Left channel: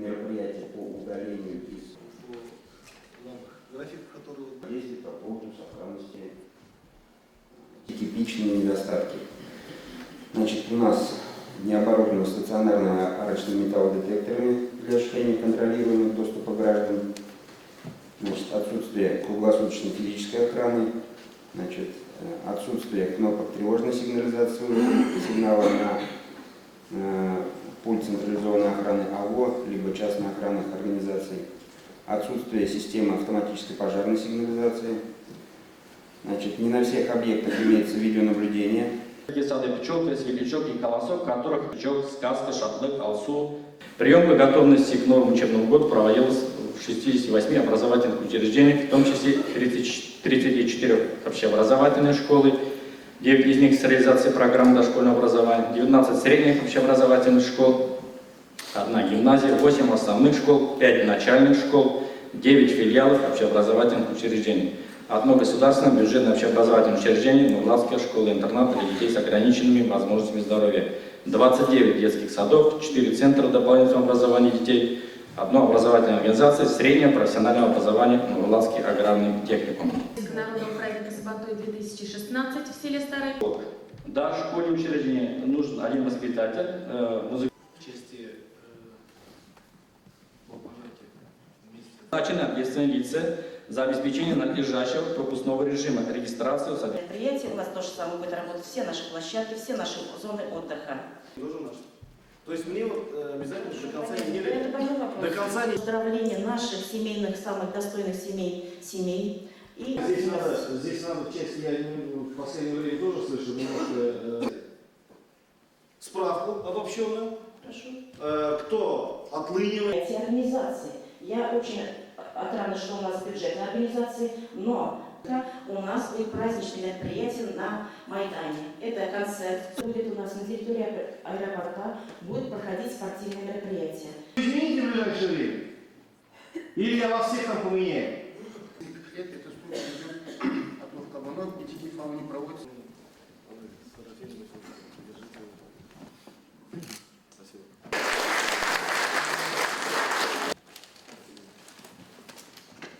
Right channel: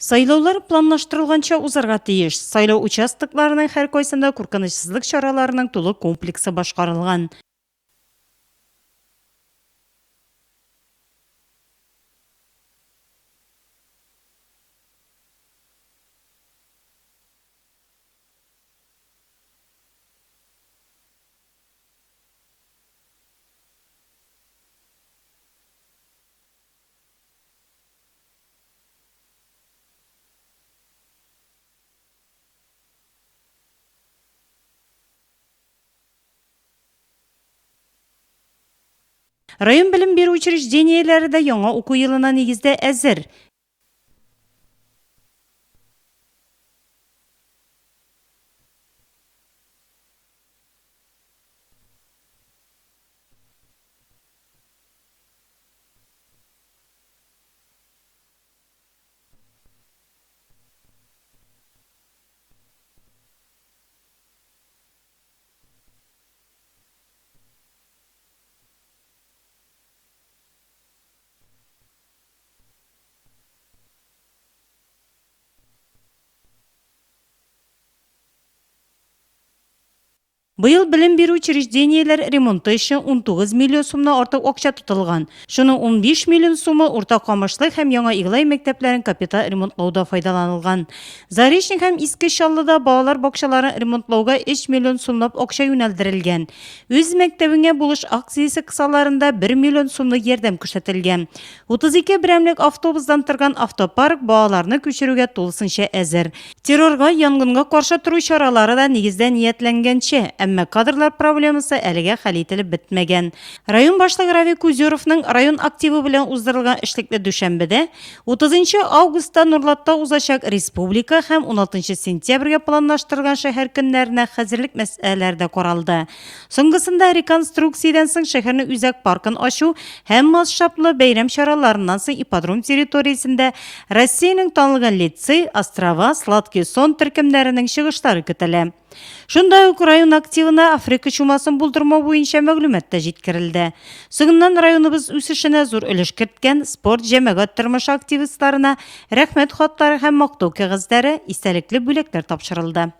Сайлаулар планлаштырылганча узарга тиеш. Сайлау участокларының һәр кайсында куркынычсызлык чараларының тулы комплексы башкарылган. Типичные недостатки. Значит, у нас не оборудованы стационарными арочными металлодетекторами для осуществления контролируемого доступа граждан. Значит, отсутствие круглосуточной физической охраны. Значит, отсутствие кнопок тревожной сигнализации сигнала на пульт централизованной охраны АВО, либо частной охранных организаций. Отсутствие системы автоматической пожарной сигнализации. Значит, не на всех объектах имеется видеонаблюдение. Район билим беру учреждениеләре дә яңа уку елына нигездә әзер. Приемка готовности к новому учебному году проводилась в 68 образовательных учреждениях, в том числе 34 общеобразовательные школы, 9 из них с реализацией программы дошкольного образования, 19 средних общеобразовательных школ, 1 гимназия, 8 основных школ, 5 начальных школ, 9 филиалов общеобразовательных учреждений, 1 государственное бюджетное общеобразовательное учреждение, Новоглавская школа-интернат для детей с ограниченными возможностями здоровья, 29 детских садов, 4 центра дополнительного образования детей, 1 образовательная организация среднего профессионального образования Новоглавский аграрный техникум. Быел билим беру учреждениеләр ремонты өчен 19 миллион сумнан артык акча тотылган. Шуның 15 миллион сумы урта камышлык һәм яңа Иглай мәктәпләрен капиталь ремонтлауда файдаланылган. Заречник һәм Иске Чаллыда балалар бакчаларын ремонтлауга 3 миллион сумлап акча юнәлдерелгән. Үз мәктәбеңә булыш акциясе кысаларында 1 миллион сумлык ярдәм күрсәтелгән. 32 берәмлек автобустан торган автопарк балаларны күчерүгә тулысынча әзер. Террорга, янгынга каршы туру чаралары да нигездә ниятләнгәнчә, әмма кадрлар проблемасы әлегә хәл ителеп бетмәгән. Район башлыгы Рафик Узеровның район активы белән уздырылган эшлекле дүшәмбедә 30 августта Нурлатта узачак республика һәм 16 сентябрьгә планлаштырылган шәһәр көннәренә хәзерлек мәсьәләләре дә каралды. Соңгысында реконструкциядән соң шәһәрне үзәк паркын ачу һәм масштаблы бәйрәм чараларыннан соң ипподром территориясендә Россиянең танылган лицей, Острова, Сладкий сон төркемнәренең чыгышлары көтелә. Шундай ук район активына Африка чумасын булдырмау буенча мәгълүмат та җиткерелде. Соңыннан районыбыз үсешенә зур өлеш керткән спорт җәмәгать тормыш активистларына рәхмәт хатлары һәм мактау кәгазьләре, истәлекле бүләкләр тапшырылды.